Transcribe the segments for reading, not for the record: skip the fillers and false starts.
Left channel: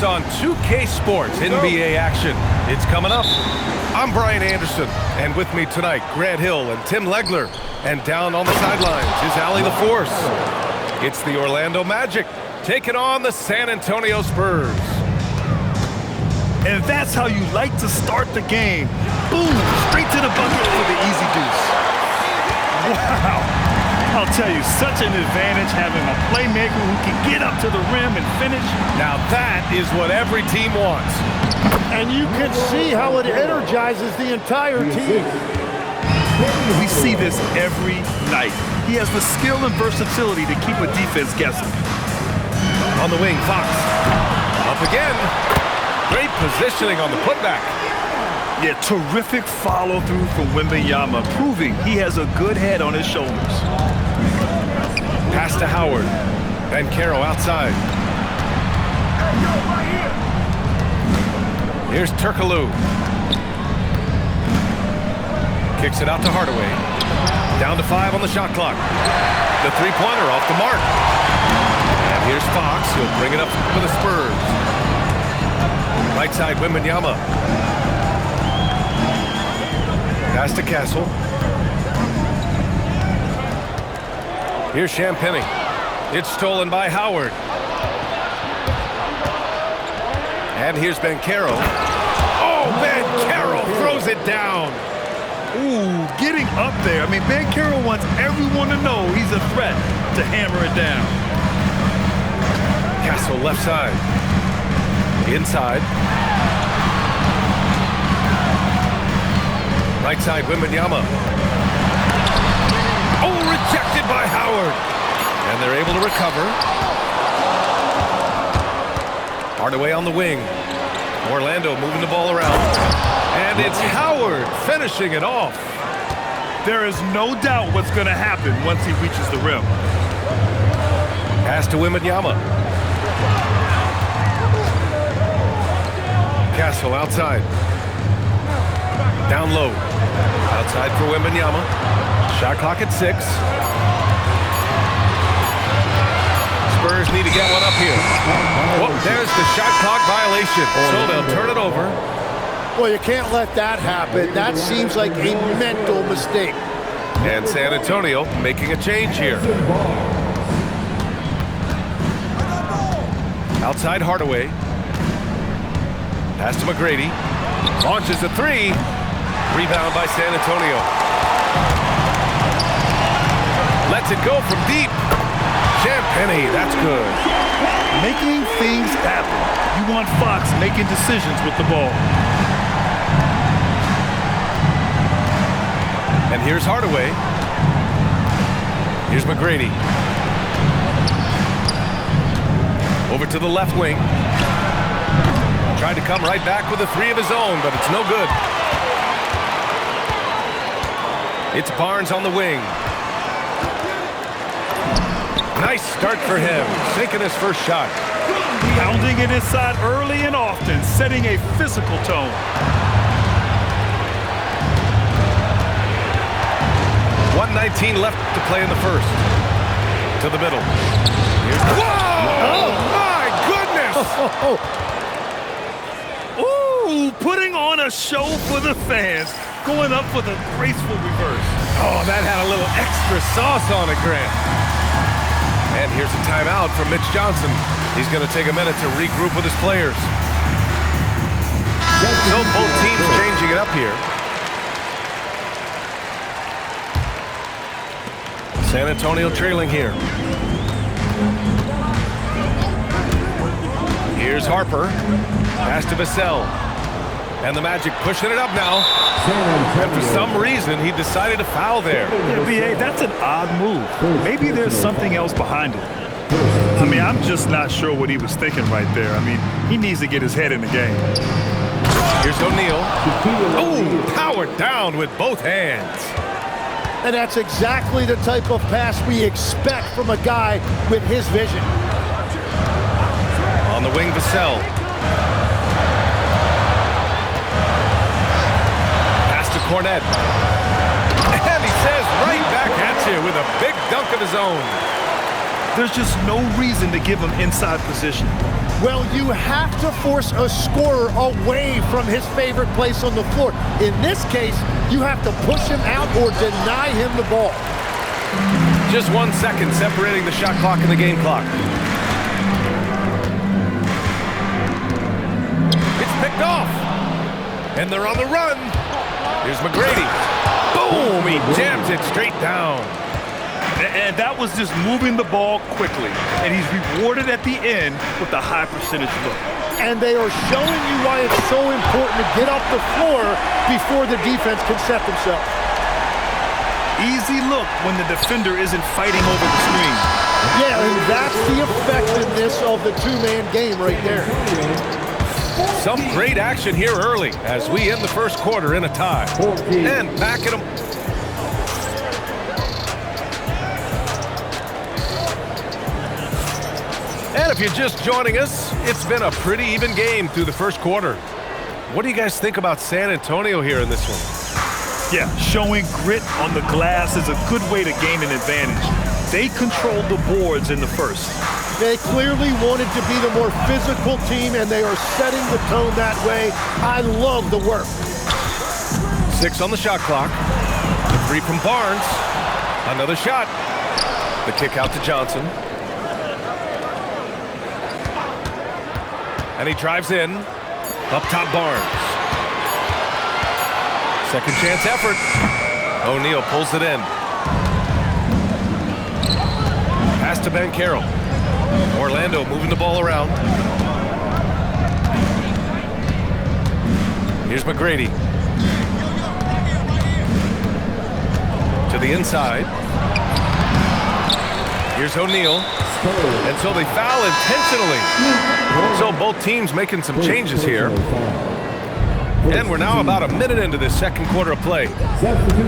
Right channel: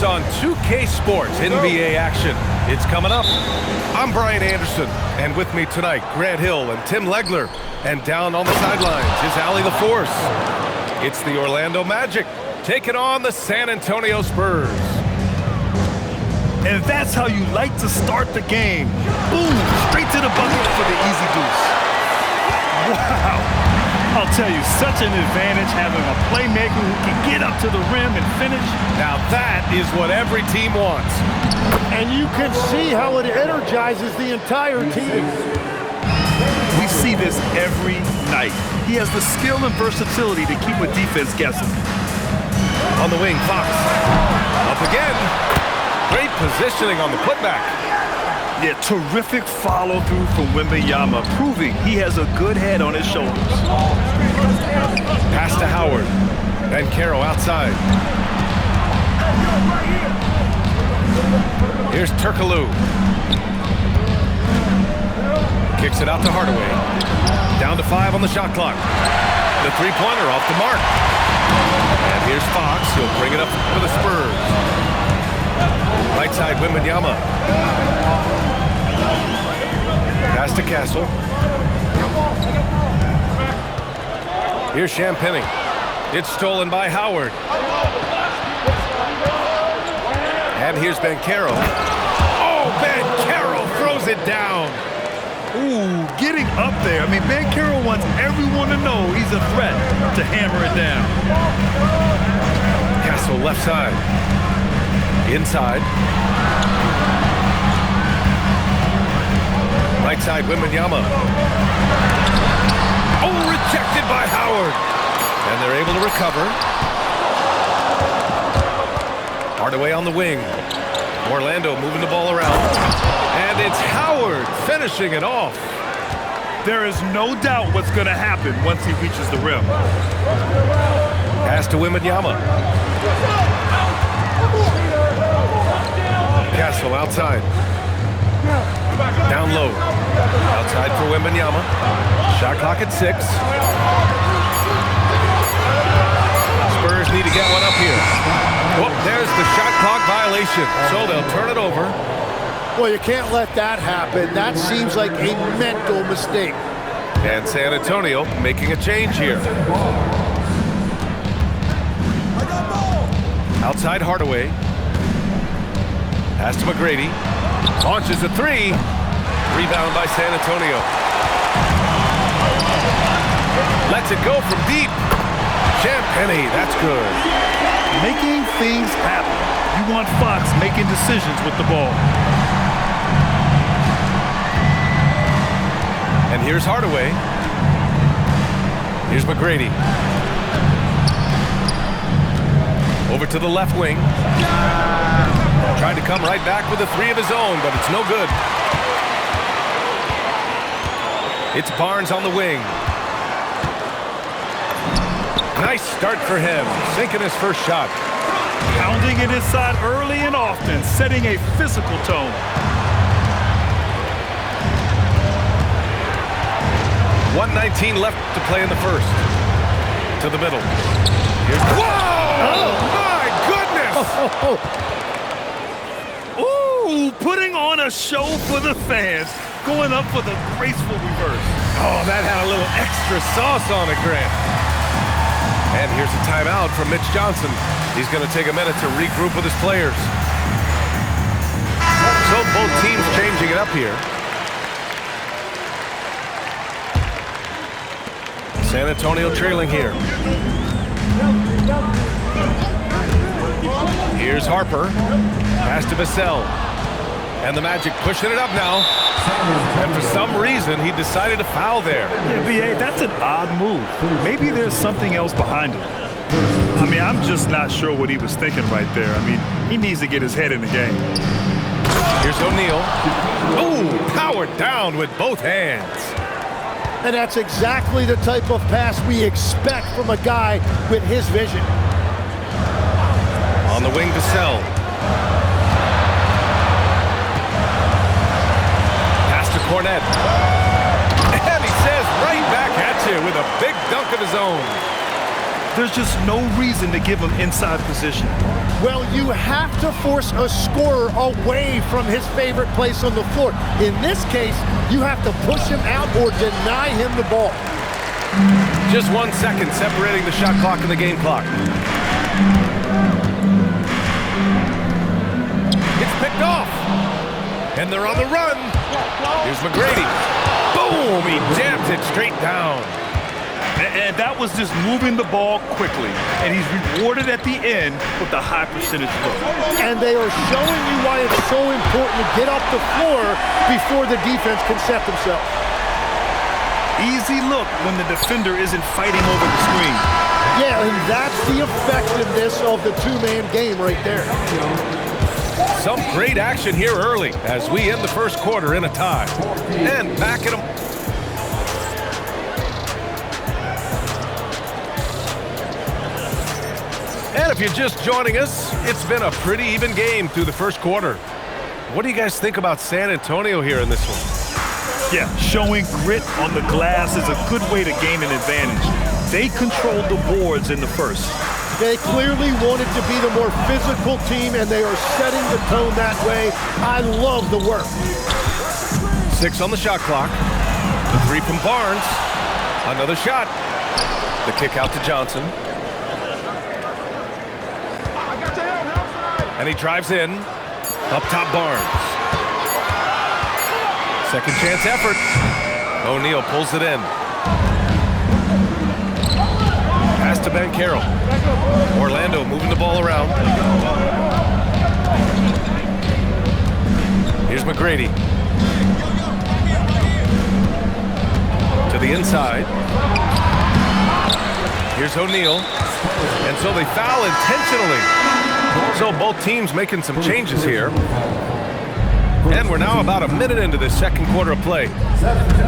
this on 2K Sports NBA action. It's coming up. I'm Brian Anderson, and with me tonight, Grant Hill and Tim Legler. And down on the sidelines is Allie the Force. It's the Orlando Magic taking on the San Antonio Spurs. And that's how you like to start the game. Boom, straight to the bucket for the easy deuce. Wow. I'll tell you, such an advantage having a playmaker who can get up to the rim and finish. Now that is what every team wants. And you can see how it energizes the entire team. We see this every night. He has the skill and versatility to keep a defense guessing. On the wing, Fox. Up again. Great positioning on the putback. Yeah, terrific follow-through from Wembanyama, proving he has a good head on his shoulders. Pass to Howard. And Caro outside. Here's Turkoglu. Kicks it out to Hardaway. Down to 5 on the shot clock. The three-pointer off the mark. And here's Fox. He'll bring it up for the Spurs. Right side, Wembanyama. Pass to Castle. Here's Champagnie. It's stolen by Howard. And here's Bancaro. Oh, Bancaro throws it down. Ooh, getting up there. I mean, Bancaro wants everyone to know he's a threat to hammer it down. Castle left side. Inside. Right side, Wembanyama. Oh, rejected by Howard. And they're able to recover. Hardaway on the wing. Orlando moving the ball around. And it's Howard finishing it off. There is no doubt what's going to happen once he reaches the rim. Pass to Wembanyama. Castle outside. Down low. Outside for Wembanyama. Shot clock at 6. Spurs need to get one up here. Well, there's the shot clock violation. So they'll turn it over. Well, you can't let that happen. That seems like a mental mistake. And San Antonio making a change here. Outside Hardaway. Pass to McGrady. Launches a 3. Rebound by San Antonio. Lets it go from deep. Champagnie, that's good. Making things happen. You want Fox making decisions with the ball. And here's Hardaway. Here's McGrady. Over to the left wing. Tried to come right back with a 3 of his own, but it's no good. It's Barnes on the wing. Nice start for him, sinking his first shot. Pounding it inside early and often, setting a physical tone. .119 left to play in the first. To the middle. Here's whoa! Oh, my goodness! Ooh, putting on a show for the fans. Going up for the graceful reverse. Oh, that had a little extra sauce on it, Grant. And here's a timeout from Mitch Johnson. He's going to take a minute to regroup with his players. So both teams changing it up here. San Antonio trailing here. Here's Harper. Pass to Vassell. And the Magic pushing it up now. And for some reason, he decided to foul there. Yeah, B.A., that's an odd move. Maybe there's something else behind it. I mean, I'm just not sure what he was thinking right there. I mean, he needs to get his head in the game. Here's O'Neal. Oh, powered down with both hands. And that's exactly the type of pass we expect from a guy with his vision. On the wing, Vassell. Pass to Cornet. And he says right back at you with a big dunk of his own. There's just no reason to give him inside position. Well, you have to force a scorer away from his favorite place on the floor. In this case, you have to push him out or deny him the ball. Just 1 second separating the shot clock and the game clock. It's picked off. And they're on the run. Here's McGrady. Boom! He jams it straight down. And that was just moving the ball quickly. And he's rewarded at the end with the high percentage look. And they are showing you why it's so important to get off the floor before the defense can set themselves. Easy look when the defender isn't fighting over the screen. Yeah, and that's the effectiveness of the two-man game right there. Some great action here early as we end the first quarter in a tie. And back at them. And if you're just joining us, it's been a pretty even game through the first quarter. What do you guys think about San Antonio here in this one? Yeah, showing grit on the glass is a good way to gain an advantage. They controlled the boards in the first. They clearly wanted to be the more physical team, and they are setting the tone that way. I love the work. 6 on the shot clock. The 3 from Barnes. Another shot. The kick out to Johnson. And he drives in. Up top, Barnes. Second chance effort. O'Neal pulls it in. Pass to Ben Carroll. Orlando moving the ball around. Here's McGrady. To the inside. Here's O'Neal. And so they foul intentionally. So both teams making some changes here. And we're now about a minute into this second quarter of play.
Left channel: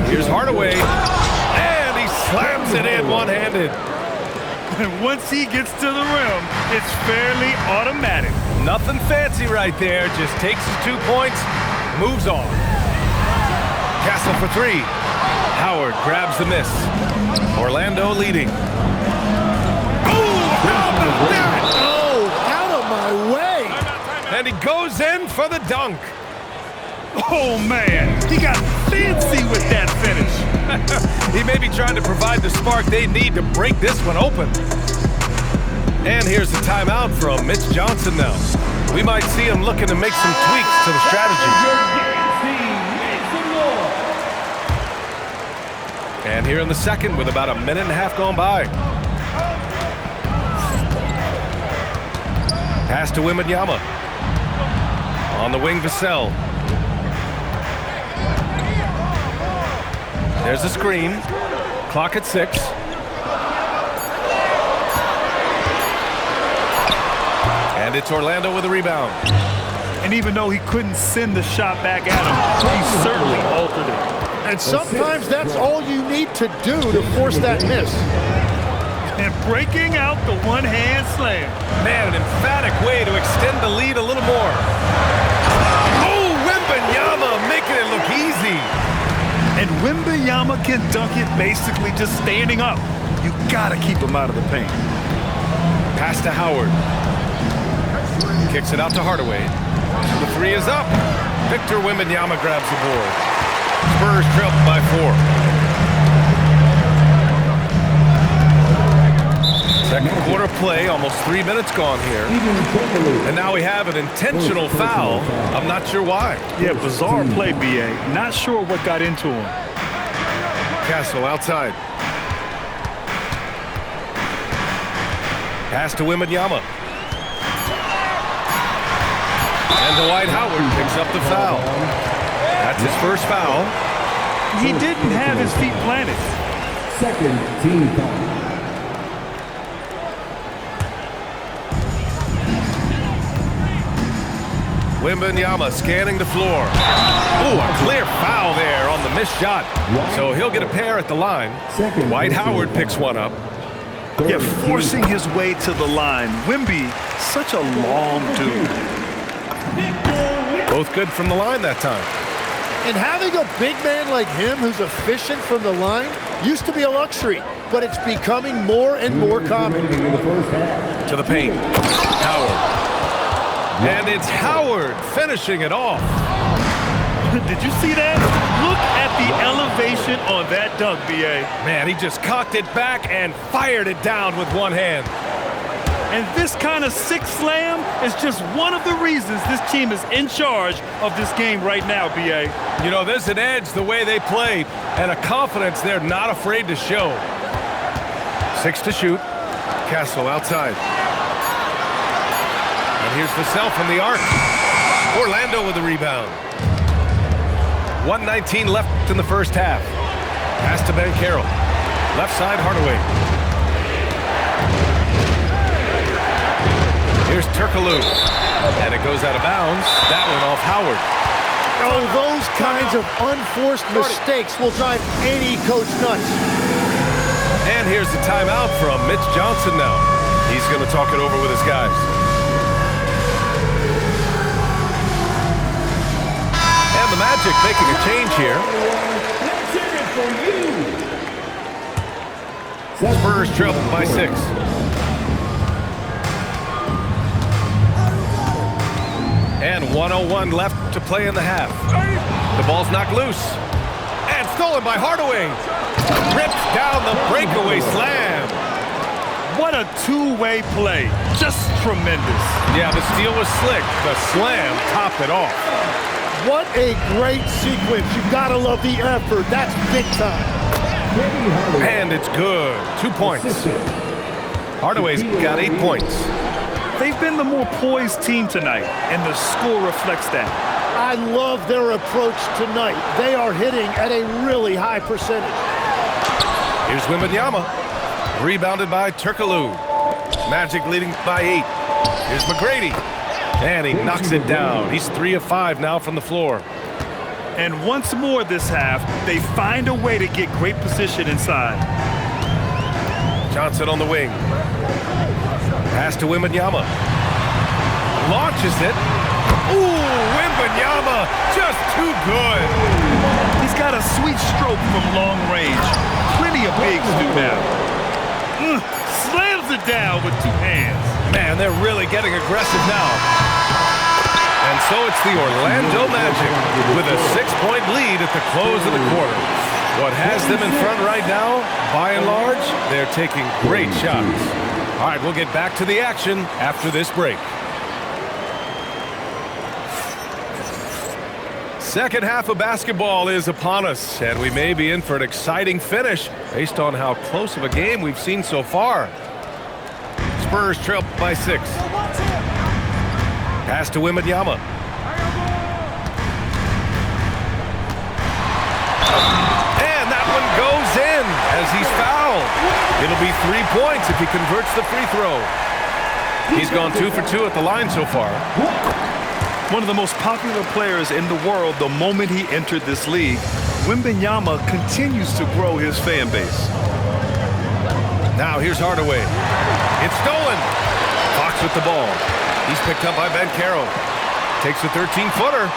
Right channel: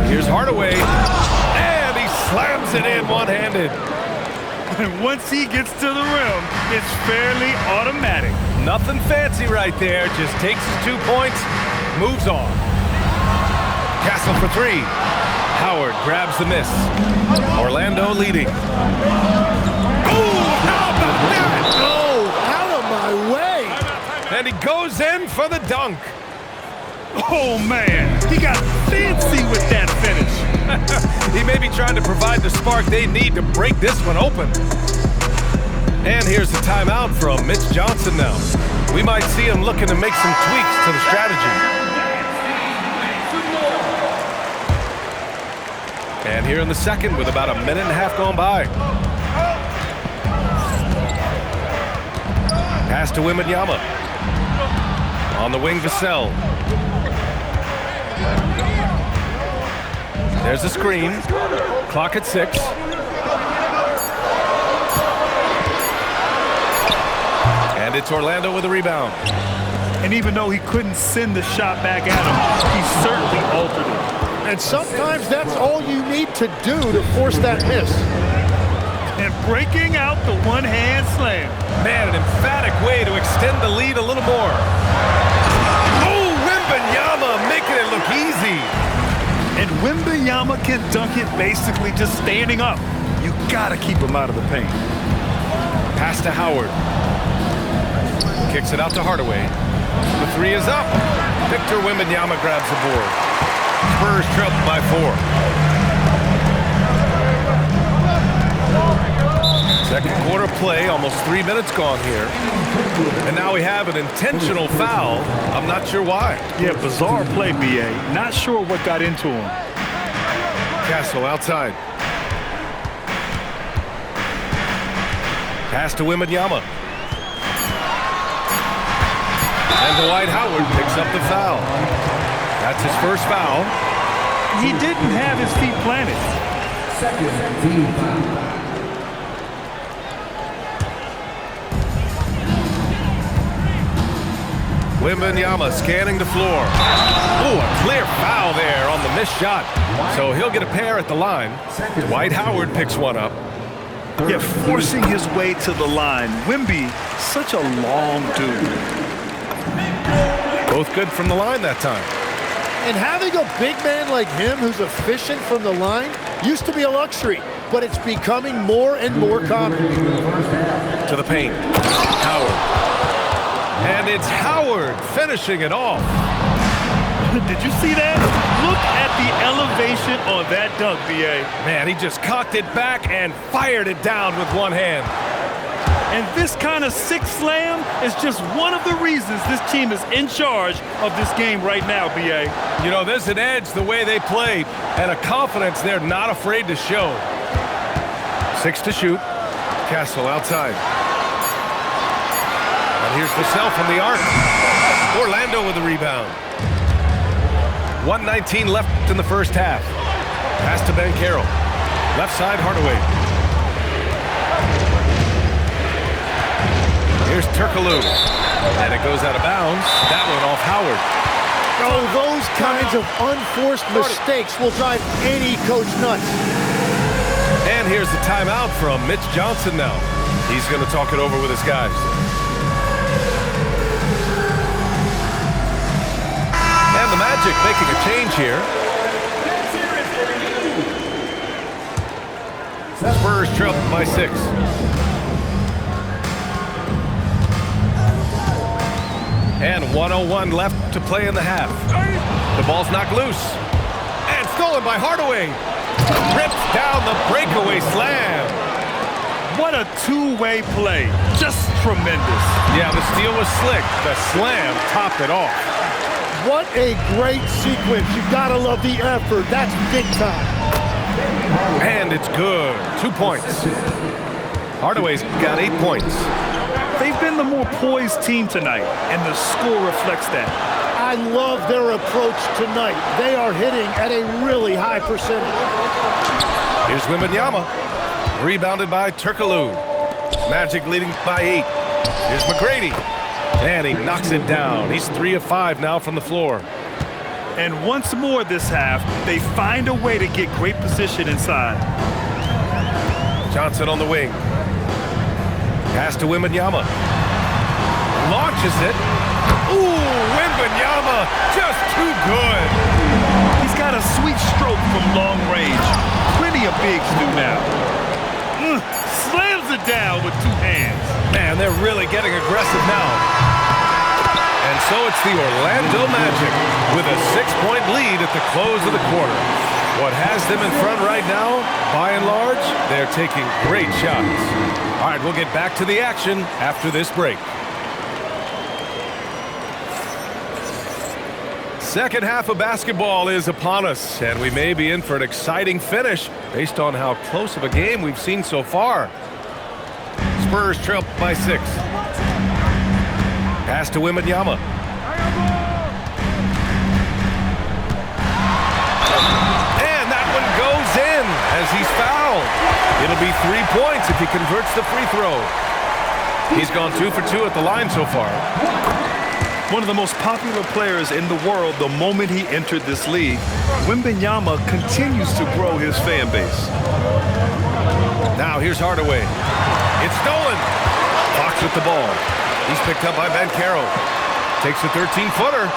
Here's Hardaway. And he slams it in one-handed. And once he gets to the rim, it's fairly automatic. Nothing fancy right there. Just takes his 2 points, moves on. Castle for 3. Howard grabs the miss. Orlando leading. Oh, how about that? Oh, out of my way. And he goes in for the dunk. Oh, man. He got fancy with that finish. He may be trying to provide the spark they need to break this one open. And here's the timeout from Mitch Johnson now. We might see him looking to make some tweaks to the strategy. And here in the second with about a minute and a half gone by. Pass to Wembanyama. On the wing, Vassell. There's a screen. Clock at 6. And it's Orlando with a rebound. And even though he couldn't send the shot back at him, he certainly altered it. And sometimes that's all you need to do to force that miss. And breaking out the one-hand slam. Man, an emphatic way to extend the lead a little more. Oh, Wembanyama making it look easy. And Wembanyama can dunk it basically just standing up. You gotta keep him out of the paint. Pass to Howard. Kicks it out to Hardaway. The 3 is up. Victor Wembanyama grabs the board. Spurs trail by 4. Second quarter play, almost 3 minutes gone here. And now we have an intentional foul. I'm not sure why. Yeah, bizarre play, B.A. Not sure what got into him. Castle outside. Pass to Wembanyama. And Dwight Howard picks up the foul. That's his first foul. He didn't have his feet planted. Second team foul. Wembanyama scanning the floor. Ooh, a clear foul there on the missed shot. So he'll get a pair at the line. Dwight Howard picks one up. Yeah, forcing his way to the line. Wemby, such a long dude. Both good from the line that time. And having a big man like him who's efficient from the line used to be a luxury, but it's becoming more and more common. To the paint. Howard. And it's Howard finishing it off. Did you see that? Look at the elevation on that dunk, B.A. Man, he just cocked it back and fired it down with one hand. And this kind of sick slam is just one of the reasons this team is in charge of this game right now, B.A. You know, there's an edge the way they play and a confidence they're not afraid to show. 6 to shoot. Castle outside. And here's Vassell from the arc. Orlando with the rebound. 1:19 left in the first half. Pass to Banchero. Left side, Hardaway. Here's Turkoglu. And it goes out of bounds. That one off Howard. Oh, those kinds of unforced mistakes will drive any coach nuts. And here's the timeout from Mitch Johnson now. He's going to talk it over with his guys. And the Magic making a change here. Let's hear it for you. Spurs trail by 6. And 1:01 left to play in the half. The ball's knocked loose. And stolen by Hardaway. Rips down the breakaway slam. What a two-way play. Just tremendous. Yeah, the steal was slick. The slam topped it off. What a great sequence. You've got to love the effort. That's big time. And it's good. 2 points. Hardaway's got 8 points. They've been the more poised team tonight, and the score reflects that. I love their approach tonight. They are hitting at a really high percentage. Here's Wembanyama. Rebounded by Turkoglu. Magic leading by 8. Here's McGrady. And he knocks it down. He's 3 of 5 now from the floor. And once more this half, they find a way to get great position inside. Johnson on the wing. Pass to Wembanyama. Launches it. Ooh, Wembanyama just too good. He's got a sweet stroke from long range. Plenty of bigs do now. Slams it down with 2 hands. Man, they're really getting aggressive now. And so it's the Orlando Magic with a 6-point lead at the close of the quarter. What has them in front right now, by and large, they're taking great shots. All right, we'll get back to the action after this break. Second half of basketball is upon us, and we may be in for an exciting finish based on how close of a game we've seen so far. Spurs trail by 6. Pass to Wembanyama. And that one goes in as he's fouled. It'll be 3 points if he converts the free throw. He's gone 2 for 2 at the line so far. One of the most popular players in the world the moment he entered this league, Wembanyama continues to grow his fan base. Now here's Hardaway. It's stolen. Fox with the ball. He's picked up by Banchero. Takes a 13-footer.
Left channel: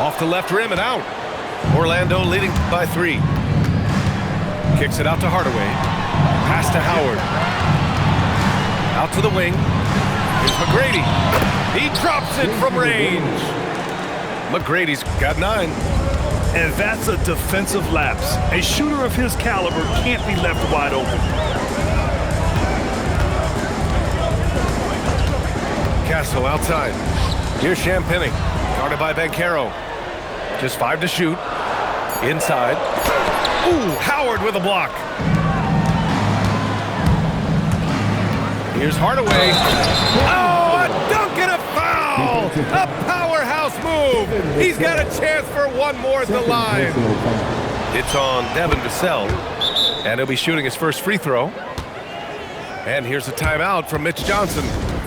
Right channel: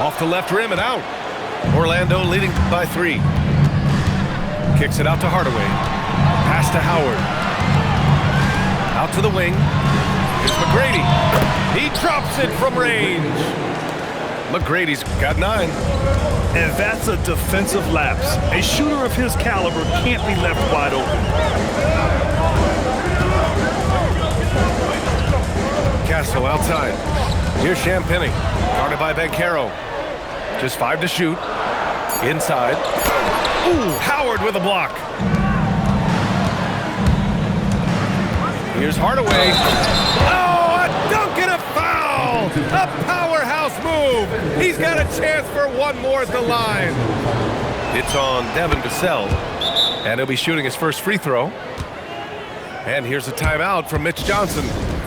Off the left rim and out. Orlando leading by 3. Kicks it out to Hardaway. Pass to Howard. Out to the wing. Here's McGrady. He drops it from range. McGrady's got 9. And that's a defensive lapse. A shooter of his caliber can't be left wide open. Castle outside. Here's Champagny. Guarded by Banchero. Just 5 to shoot. Inside. Ooh, Howard with a block. Here's Hardaway. Oh, a dunk and a foul! A powerhouse move! He's got a chance for one more at the line. It's on Devin Vassell, and he'll be shooting his first free throw. And here's a timeout from Mitch Johnson.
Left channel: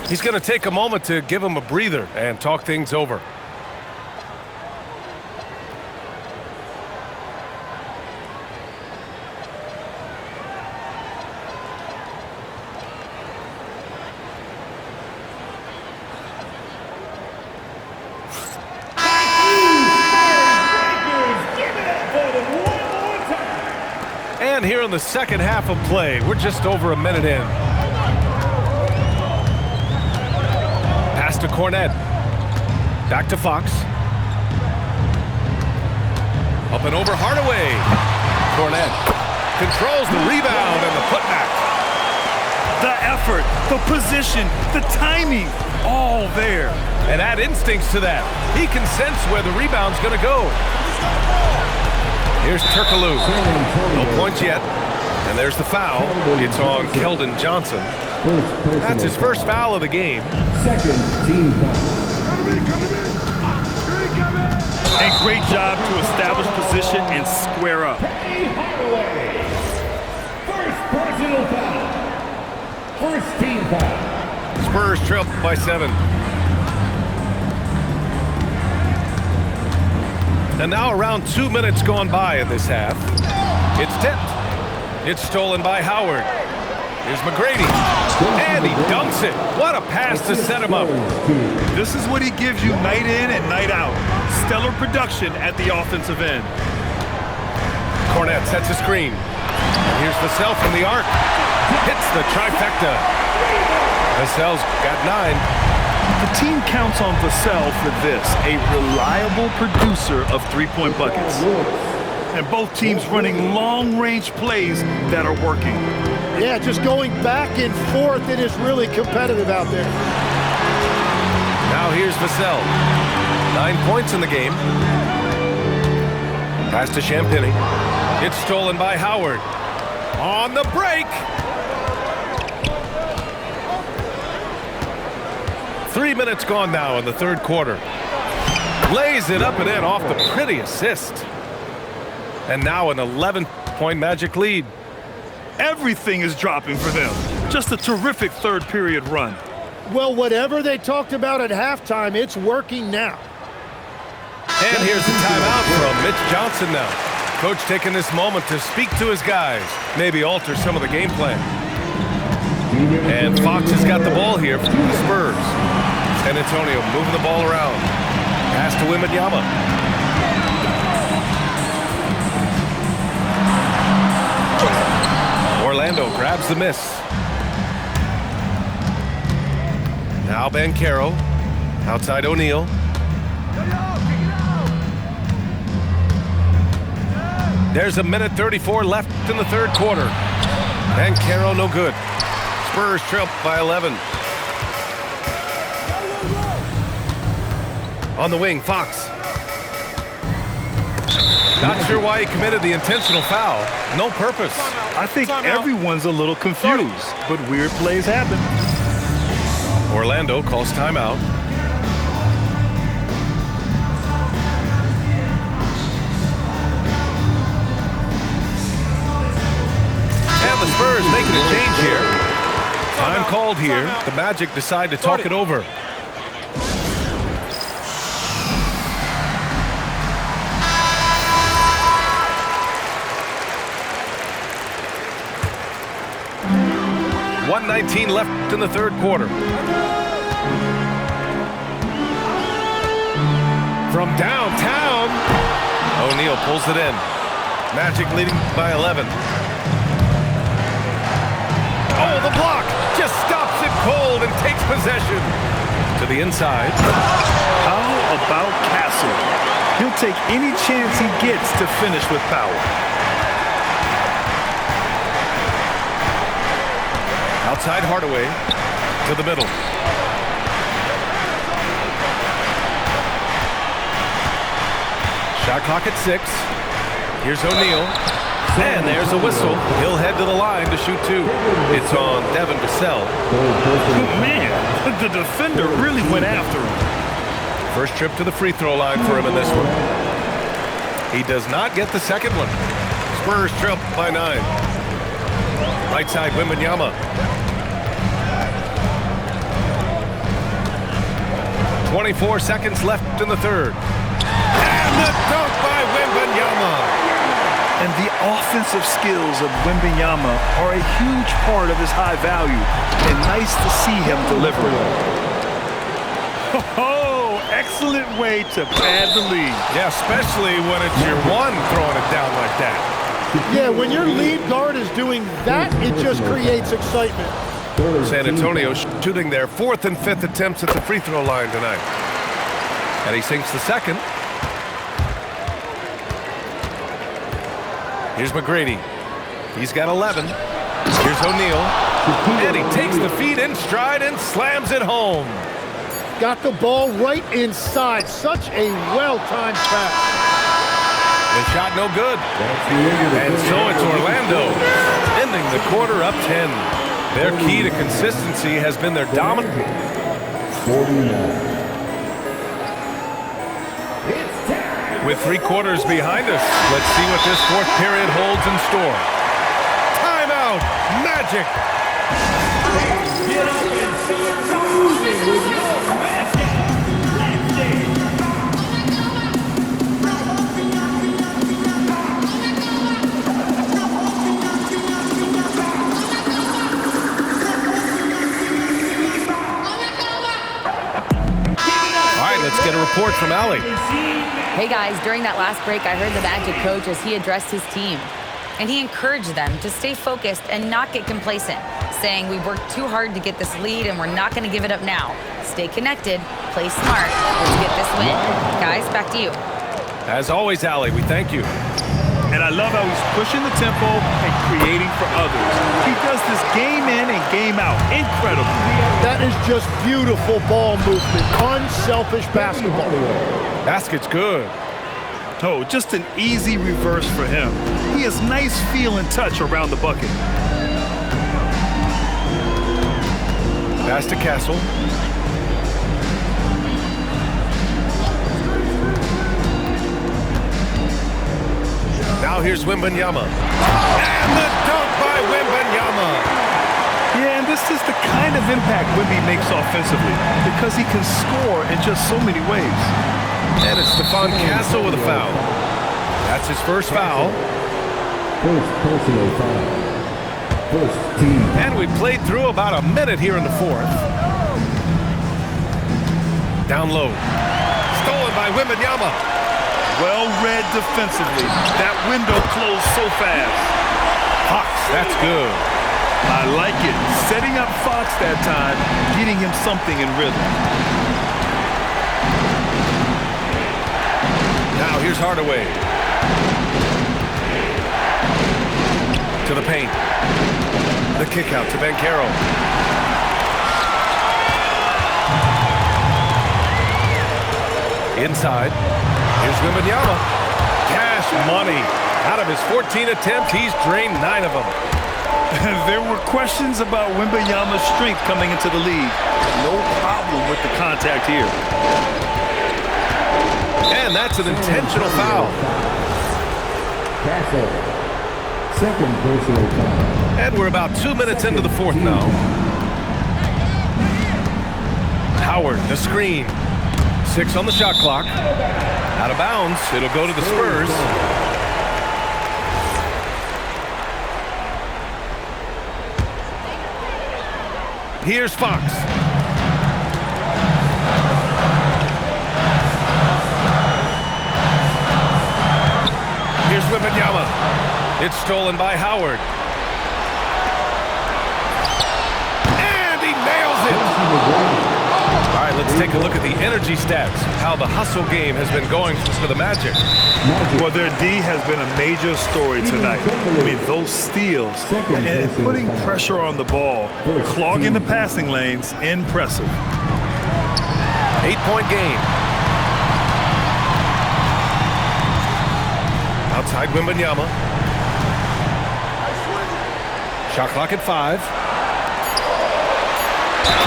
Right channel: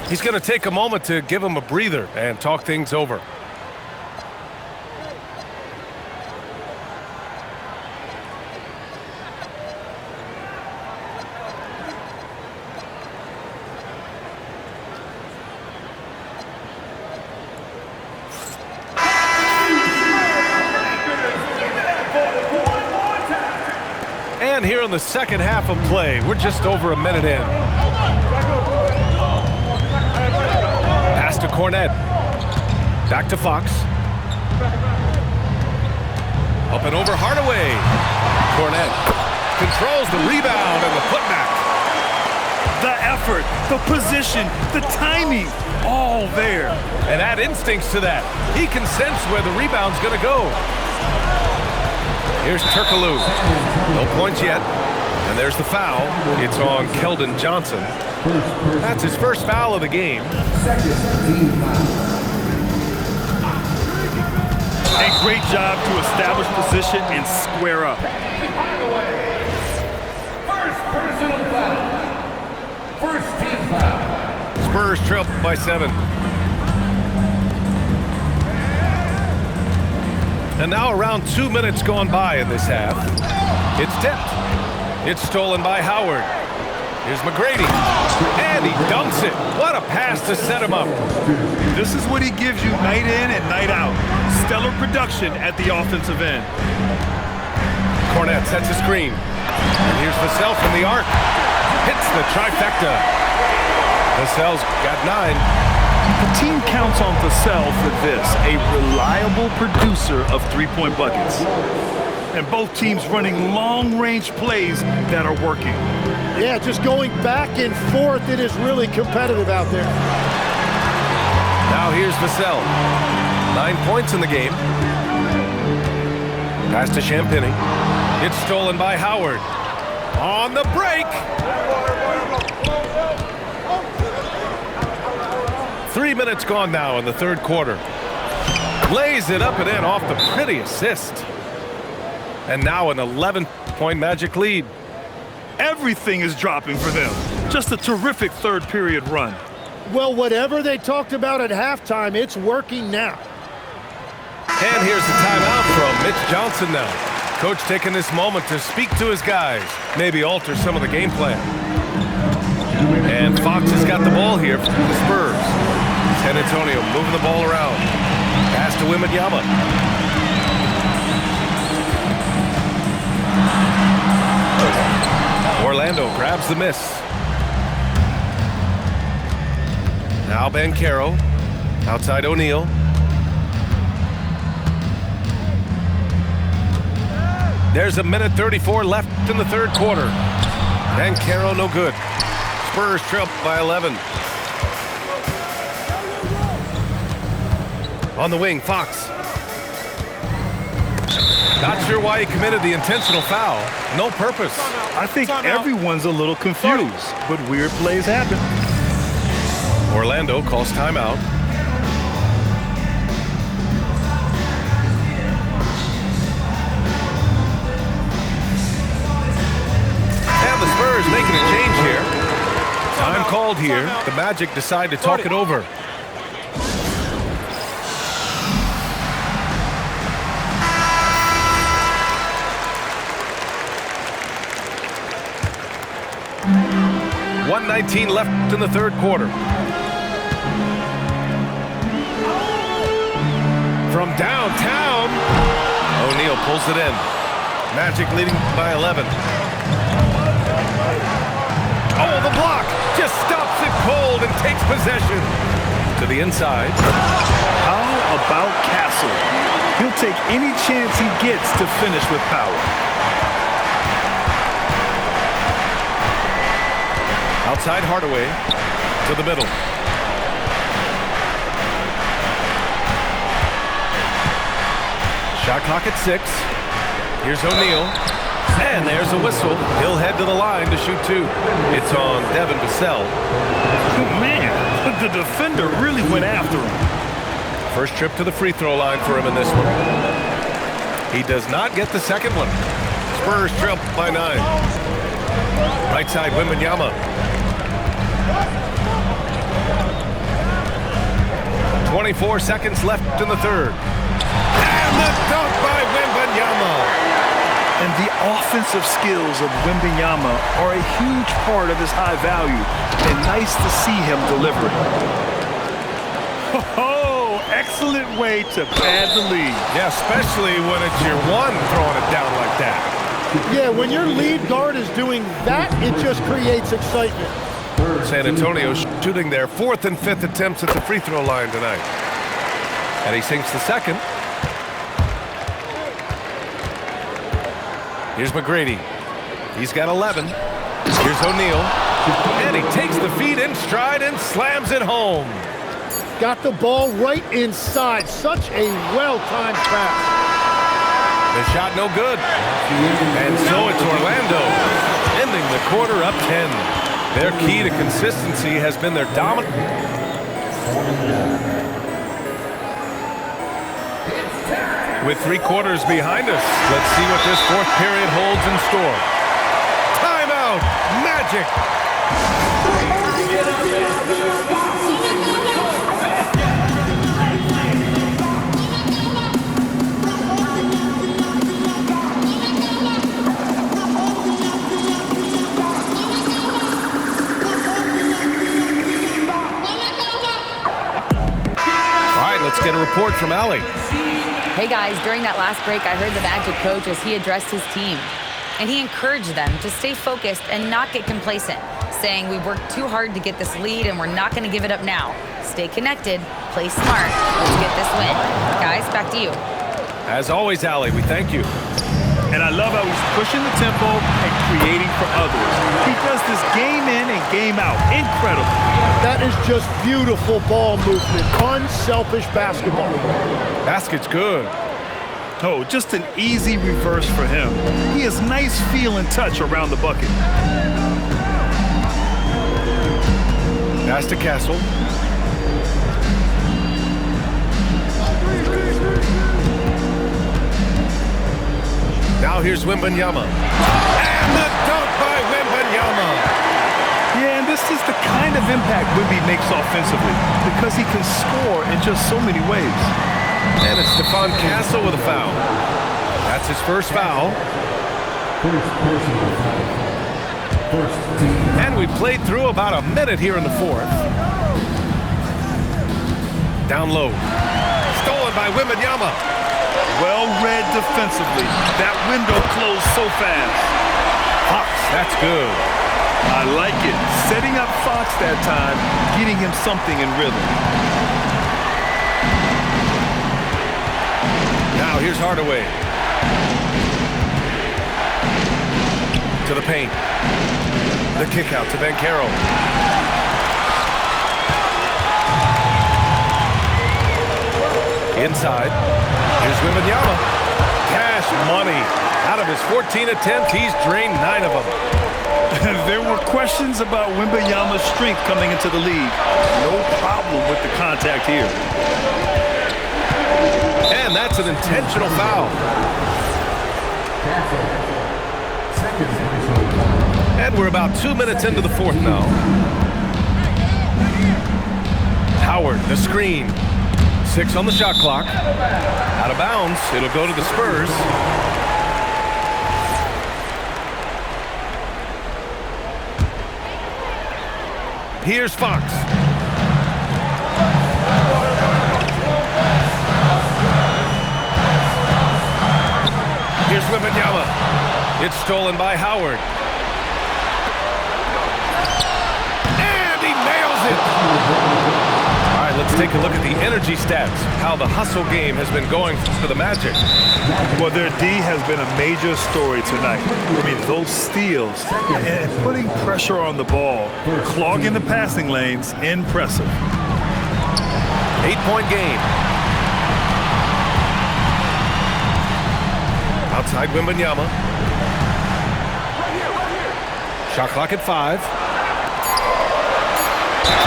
He's going to take a moment to give him a breather and talk things over. And here in the second half of play, we're just over a minute in. Pass to Cornette. Back to Fox. Up and over Hardaway. Cornette controls the rebound and the putback. The effort, the position, the timing, all there. And add instincts to that. He can sense where the rebound's going to go. Here's Turkoglu. No points yet. And there's the foul. It's on Keldon Johnson. That's his first foul of the game. Second team foul. And great job to establish position and square up. First personal foul. First team foul. Spurs trail by 7. And now around 2 minutes gone by in this half. It's tipped. It's stolen by Howard. Here's McGrady. And he dunks it. What a pass to set him up. This is what he gives you night in and night out. Stellar production at the offensive end. Cornette sets a screen. And here's Vassell from the arc. Hits the trifecta. Vassell's got 9. The team counts on Vassell for this, a reliable producer of three-point buckets. And both teams running long-range plays that are working. Yeah, just going back and forth. It is really competitive out there. Now here's Vassell. 9 points in the game. Pass to Champagny. It's stolen by Howard. On the break. 3 minutes gone now in the third quarter. Lays it up and in off the pretty assist. And now an 11-point Magic lead. Everything is dropping for them. Just a terrific third period run. Well, whatever they talked about at halftime, it's working now. And here's the timeout from Mitch Johnson now. Coach taking this moment to speak to his guys, maybe alter some of the game plan. And Fox has got the ball here for the Spurs. San Antonio moving the ball around. Pass to Wembanyama. Orlando grabs the miss. Now Banchero. Outside O'Neal. There's a minute 34 left in the third quarter. Banchero no good. Spurs trail by 11. On the wing, Fox. Not sure why he committed the intentional foul. No purpose. I think everyone's a little confused, but weird plays happen. Orlando calls timeout. And the Spurs making a change here. Time called here. The Magic decide to talk it over. .119 left in the third quarter. From downtown, O'Neal pulls it in. Magic leading by 11. Oh, the block just stops it cold and takes possession. To the inside. How about Castle? He'll take any chance he gets to finish with power. Outside Hardaway to the middle. Shot clock at 6. Here's O'Neal. And there's a whistle. He'll head to the line to shoot 2. It's on Devin Vassell. Man, the defender really went after him. First trip to the free throw line for him in this one. He does not get the second one. Spurs trail by 9. Right side, Wembanyama. 24 seconds left in the third. And the dunk by Wembanyama. And the offensive skills of Wembanyama are a huge part of his high value. And nice to see him delivering. Oh, excellent way to pad the lead. Yeah, especially when it's your one throwing it down like that. Yeah, when your lead guard is doing that, it just creates excitement. San Antonio shooting their 4th and 5th attempts at the free throw line tonight. And he sinks the second. Here's McGrady. He's got 11. Here's O'Neal. And he takes the feed in stride and slams it home. Got the ball right inside. Such a well-timed pass. The shot no good. And so it's Orlando, ending the quarter up 10. Their key to consistency has been their dominant. With 3 quarters behind us, let's see what this fourth period holds in store. Timeout, Magic. Let's get a report from Allie. Hey guys, during that last break, I heard the Magic coach as he addressed his team. And he encouraged them to stay focused and not get complacent, saying we worked too hard to get this lead and we're not going to give it up now. Stay connected, play smart, let's get this win. Guys, back to you. As always, Allie, we thank you. And I love how he's pushing the tempo and creating for others. He does this game in and game out. Incredible. That is just beautiful ball movement. Unselfish basketball. Basket's good. Oh, just an easy reverse for him. He has nice feel and touch around the bucket. Pass to Castle. Now here's Wembanyama. And the dunk by Wembanyama. Yeah, and this is the kind of impact Wemby makes offensively because he can score in just so many ways. And it's Stephon Castle with a foul. That's his first foul. First personal foul. First team. And we played through about a minute here in the fourth. Down low. Stolen by Wembanyama. Well read defensively. That window closed so fast. Fox, that's good. I like it. Setting up Fox that time, getting him something in rhythm. Now here's Hardaway. To the paint. The kick out to Banchero. Inside. Here's Wembanyama. Cash money. Out of his 14 attempts, he's drained 9 of them. There were questions about Wembanyama's strength coming into the league. No problem with the contact here. And that's an intentional foul. Castle. Second personal foul. And we're about 2 minutes into the fourth now. Howard, the screen. 6 on the shot clock. Out of bounds. It'll go to the Spurs. Here's Fox. Here's Wembanyama. It's stolen by Howard. And he nails it. All right, let's take a look at the energy stats, how the hustle game has been going for the Magic. Well, their D has been a major story tonight. I mean, those steals and putting pressure on the ball, clogging the passing lanes, impressive. 8-point game. Outside Wembanyama. Shot clock at 5.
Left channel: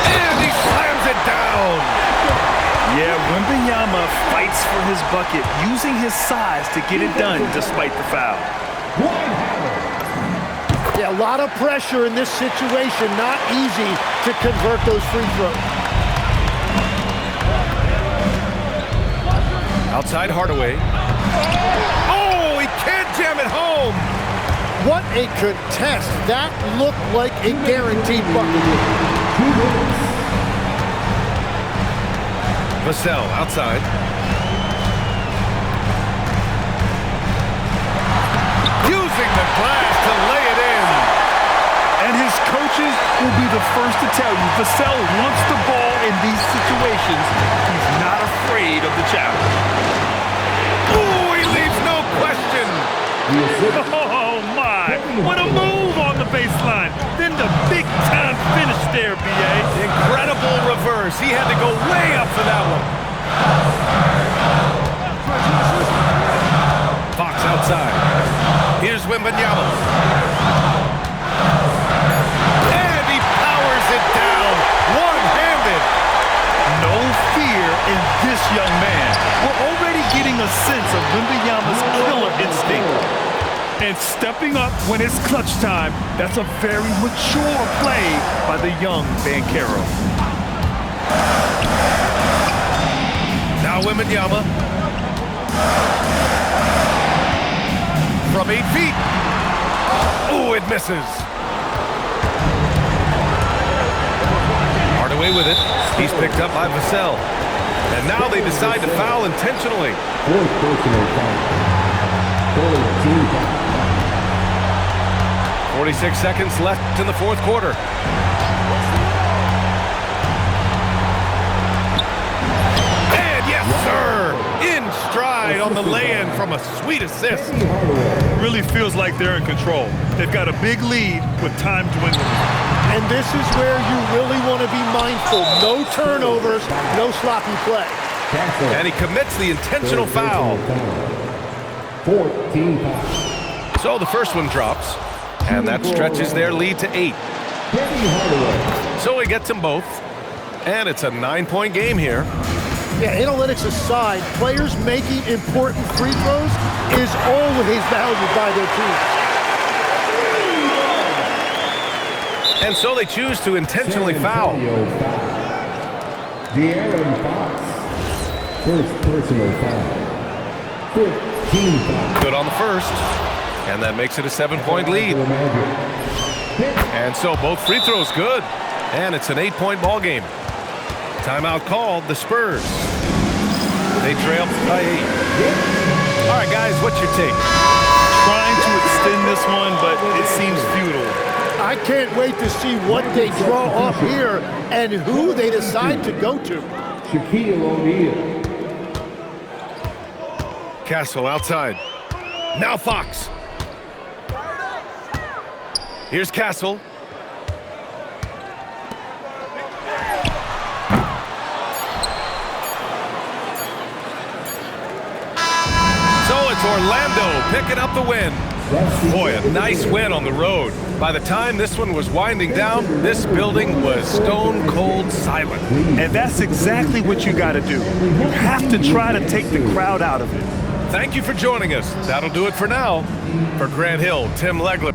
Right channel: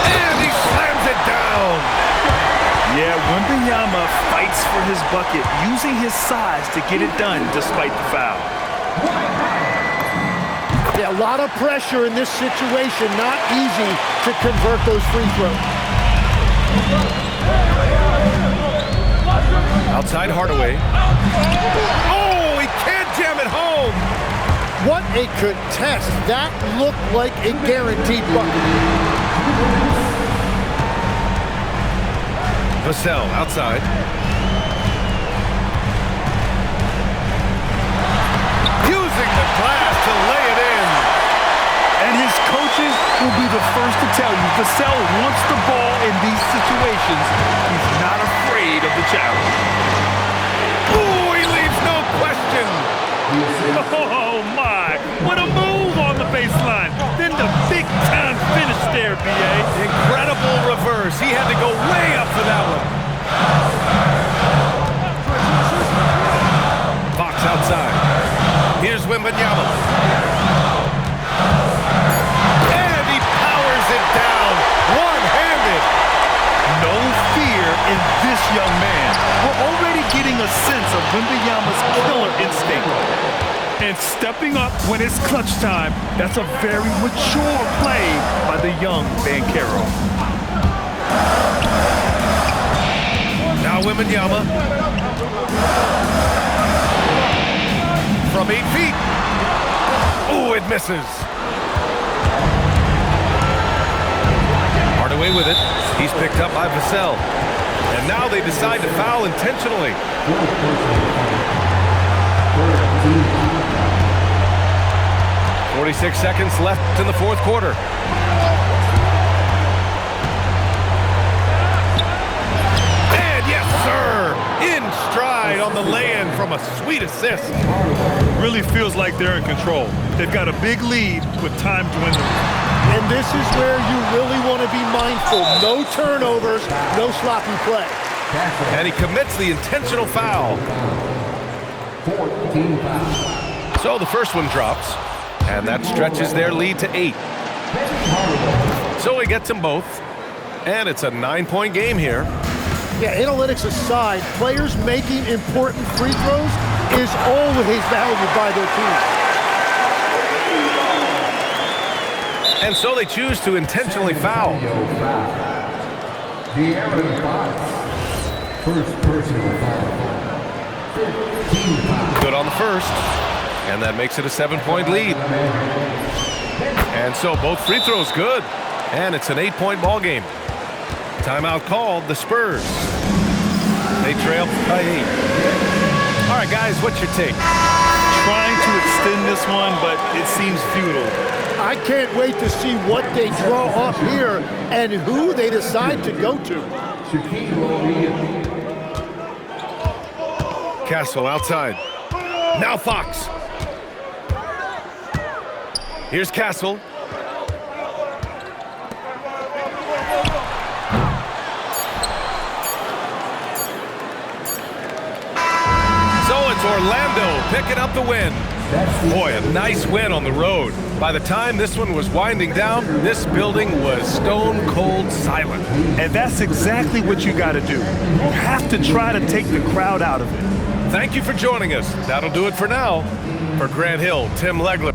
And he slams it down. Yeah, Wembanyama fights for his bucket, using his size to get it done despite the foul. Yeah, a lot of pressure in this situation. Not easy to convert those free throws. Outside Hardaway. Oh, he can't jam it home. What a contest. That looked like a guaranteed bucket. Vassell outside. Using the glass to lay it in. And his coaches will be the first to tell you Vassell wants the ball in these situations. He's not afraid of the challenge. Ooh, he leaves no question. Oh, my. What a move on the baseline. Then the big-time finish there, B.A. Incredible reverse. He had to go way up for that one. Fox outside. Here's Wembanyama. And he powers it down, one-handed. No fear in this young man. We're already getting a sense of Wembanyama's killer instinct. And stepping up when it's clutch time, that's a very mature play by the young Banchero. Now Wembanyama. From 8 feet. Oh, it misses. Hardaway with it. He's picked up by Vassell. And now they decide to foul intentionally. 46 seconds left in the fourth quarter. And yes, sir! In stride on the lay-in from a sweet assist. Really feels like they're in control. They've got a big lead with time dwindling. And this is where you really want to be mindful. No turnovers, no sloppy play. And he commits the intentional foul. 14 fouls. So the first one drops, and that stretches their lead to 8. So he gets them both, and it's a 9-point game here. Yeah, analytics aside, players making important free throws is always valued by their team. And so they choose to intentionally foul. De'Aaron Fox. First personal foul. 15 fouls. Good on the first, and that makes it a 7-point lead. And so both free throws good, and it's an 8-point ball game. Timeout called, the Spurs. They trail by 8. All right, guys, what's your take? Trying to extend this one, but it seems futile. I can't wait to see what they draw up here and who they decide to go to. Shaquille O'Neal. Castle outside. Now Fox. Here's Castle. So it's Orlando picking up the win. Boy, a nice win on the road. By the time this one was winding down, this building was stone cold silent. And that's exactly what you got to do. You have to try to take the crowd out of it. Thank you for joining us. That'll do it for now. For Grant Hill, Tim Legler.